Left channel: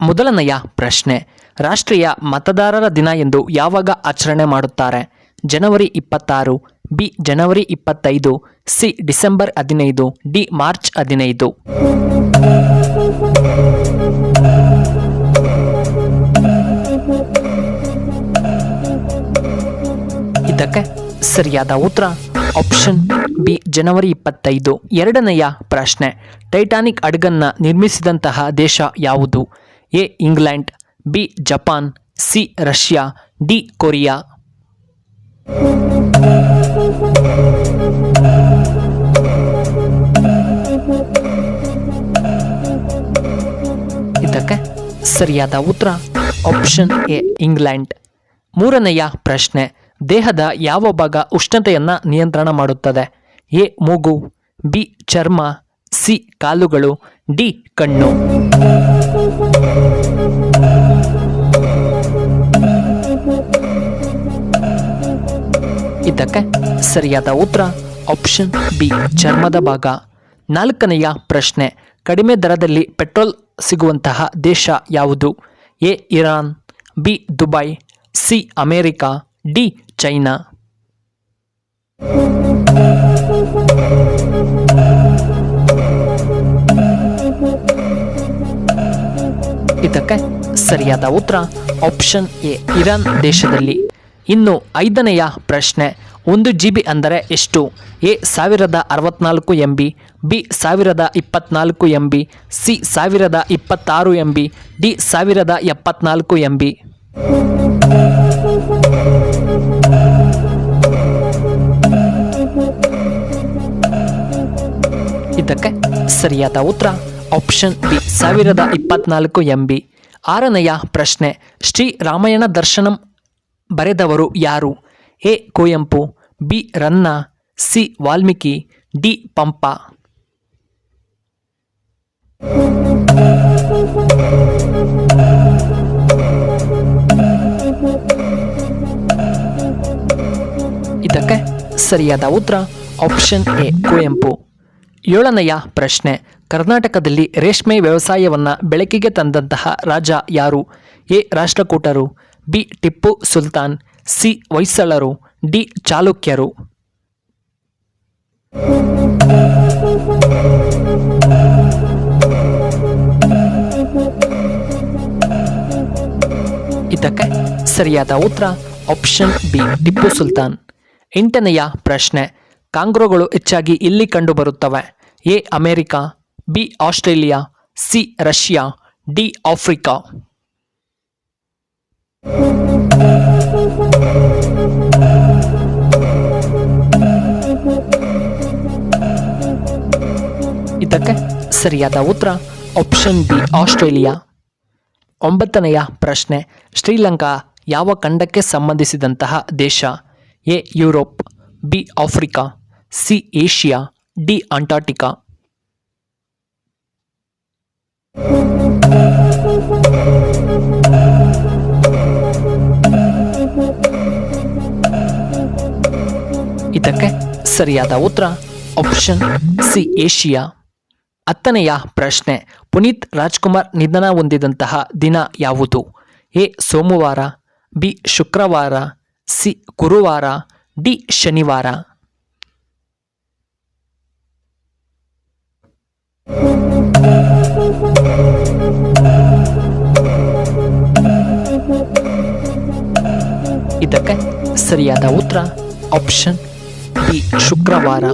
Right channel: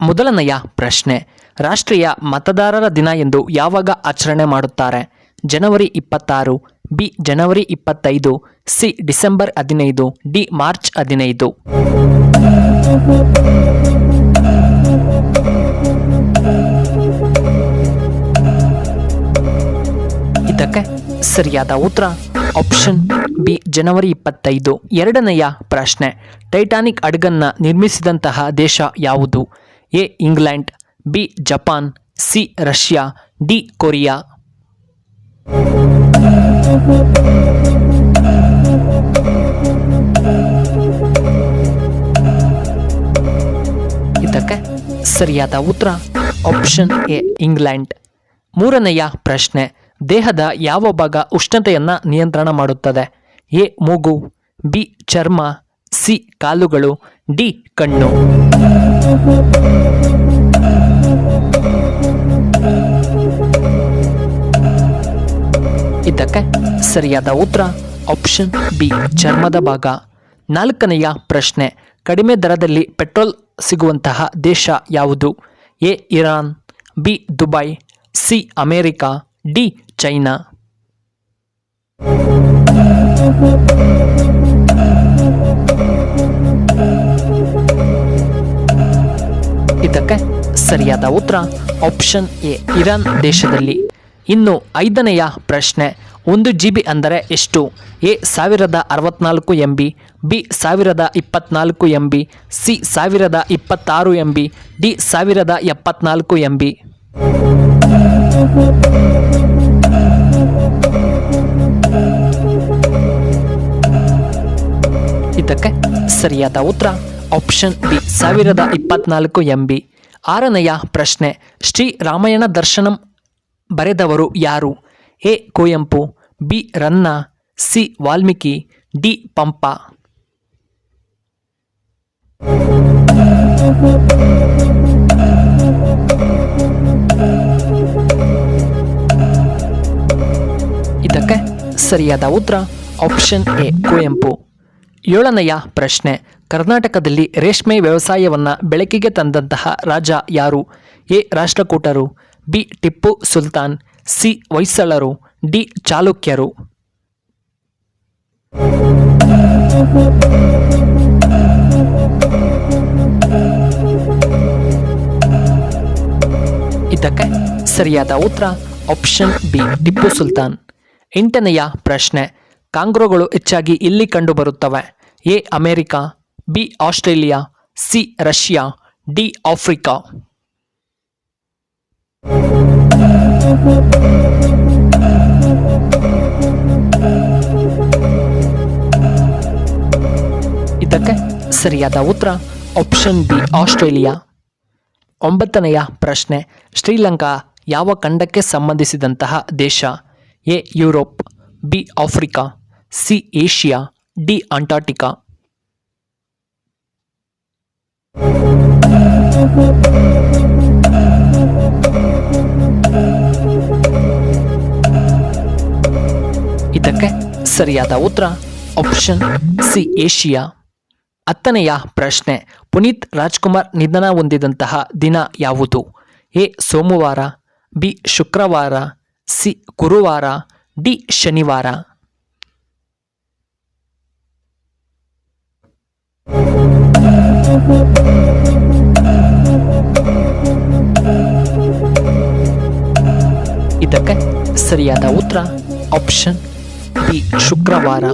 ಮೊದಲನೆಯ ಪ್ರಶ್ನೆ, ರಾಷ್ಟ್ರೀಯ ಮತದಾರರ ದಿನ ಎಂದು ಯಾವಾಗ ಆಚರಣೆ ಮಾಡುತ್ತಾರೆ? ಜನವರಿ 26, ಬಿ ಜನವರಿ 25, ಸಿ ಡಿಸೆಂಬರ್ 15, ಡಿ ಮಾರ್ಚ್ 15. ಇದಕ್ಕೆ ಸರಿಯಾದ ಉತ್ತರ ಆಪ್ಷನ್ ಬಿ ಜನವರಿ 25. ಎರಡನೆಯ ಪ್ರಶ್ನೆ, ಟೈಟಾನಿಕ್ ಹಡಗನ್ನ ನಿರ್ಮಿಸಿದಂತಹ ದೇಶ ಯಾವುದು? A England, B Japan, C Russia, D Korea. ಇದಕ್ಕೆ ಸರಿಯಾದ ಉತ್ತರ ಆಪ್ಷನ್ ಎ ಇಂಗ್ಲೆಂಡ್. ಮೂರನೆಯ ಪ್ರಶ್ನೆ, ದೇಹದ ಯಾವ ಭಾಗ ಉಷ್ಣತೆಯನ್ನು ನಿಯಂತ್ರಣ ಮಾಡುತ್ತದೆ? ಎ ಮೂಗು, ಬಿ ಚರ್ಮ, ಸಿ ಕಾಲುಗಳು, ಡಿ ಕಣ್ಣು. ಇದಕ್ಕೆ ಸರಿಯಾದ ಉತ್ತರ ಆಪ್ಷನ್ ಬಿ ಚರ್ಮದ ಭಾಗ. ನಾಲ್ಕನೆಯ ಪ್ರಶ್ನೆ, ಕಡಿಮೆ ದರದಲ್ಲಿ ಪೆಟ್ರೋಲ್ ಸಿಗುವಂತಹ ದೇಶ ಯಾವುದು? A Iran, B Dubai, C America, D China. ಇದಕ್ಕೆ ಸರಿಯಾದ ಉತ್ತರ ಆಪ್ಷನ್ ಎ ಇರಾನ್ ದೇಶದಲ್ಲಿ. ಇನ್ನು ಐದನೆಯ ಪ್ರಶ್ನೆ, 1 GB ಅಂದರೆ ಎಷ್ಟು? A 1064 MB, B 1024 MB, C 1026 MB, D 1074 MB. ಇದಕ್ಕೆ ಸರಿಯಾದ ಉತ್ತರ ಆಪ್ಷನ್ ಬಿ 1024 MB. ಆರನೆಯ ಪ್ರಶ್ನೆ, ಶ್ರೀ ರಾಮಾಯಣ ದರ್ಶನಂ ಬರೆದವರು ಯಾರು? A Kuvempu, B Ranna, C Valmiki, D Pampa. ಇದಕ್ಕೆ ಸರಿಯಾದ ಉತ್ತರ ಆಪ್ಷನ್ ಎ ಕುವೆಂಪು. ಏಳನೆಯ ಪ್ರಶ್ನೆ, ಕರ್ನಾಟಕದಲ್ಲಿ ರೇಷ್ಮೆ ವ್ಯವಸಾಯವನ್ನು ಬೆಳಕಿಗೆ ತಂದಂತಹ ರಾಜ ಯಾರು? ಎ ರಾಷ್ಟ್ರಕೂಟರು, ಬಿ ಟಿಪ್ಪು ಸುಲ್ತಾನ್, ಸಿ ಹೊಯ್ಸಳರು, ಡಿ ಚಾಲುಕ್ಯರು. ಇದಕ್ಕೆ ಸರಿಯಾದ ಉತ್ತರ ಆಪ್ಷನ್ ಬಿ ಟಿಪ್ಪು ಸುಲ್ತಾನ್. ಎಂಟನೆಯ ಪ್ರಶ್ನೆ, ಕಾಂಗ್ರೋಗಳು ಹೆಚ್ಚಾಗಿ ಇಲ್ಲಿ ಕಂಡುಬರುತ್ತವೆ? A America, B Australia, C Russia, D Africa. ಇದಕ್ಕೆ ಸರಿಯಾದ ಉತ್ತರ ಆಪ್ಷನ್ ಬಿ ಆಸ್ಟ್ರೇಲಿಯಾ. ಒಂಬತ್ತನೆಯ ಪ್ರಶ್ನೆ, ಶ್ರೀಲಂಕಾ ಯಾವ ಖಂಡಕ್ಕೆ ಸಂಬಂಧಿಸಿದಂತಹ ದೇಶ? A Europe, B Africa, C Asia, D Antarctica. ಇದಕ್ಕೆ ಸರಿಯಾದ ಉತ್ತರ ಆಪ್ಷನ್ ಸಿ ಏಷ್ಯಾ. ಹತ್ತನೆಯ ಪ್ರಶ್ನೆ, ಪುನೀತ್ ರಾಜ್ಕುಮಾರ್ ನಿಧನ ಹೊಂದಿದಂತಹ ದಿನ ಯಾವುದು? ಎ ಸೋಮವಾರ, ಬಿ ಶುಕ್ರವಾರ, ಸಿ ಗುರುವಾರ, ಡಿ ಶನಿವಾರ. ಇದಕ್ಕೆ ಸರಿಯಾದ ಉತ್ತರ ಆಪ್ಷನ್ ಬಿ ಶುಕ್ರವಾರ.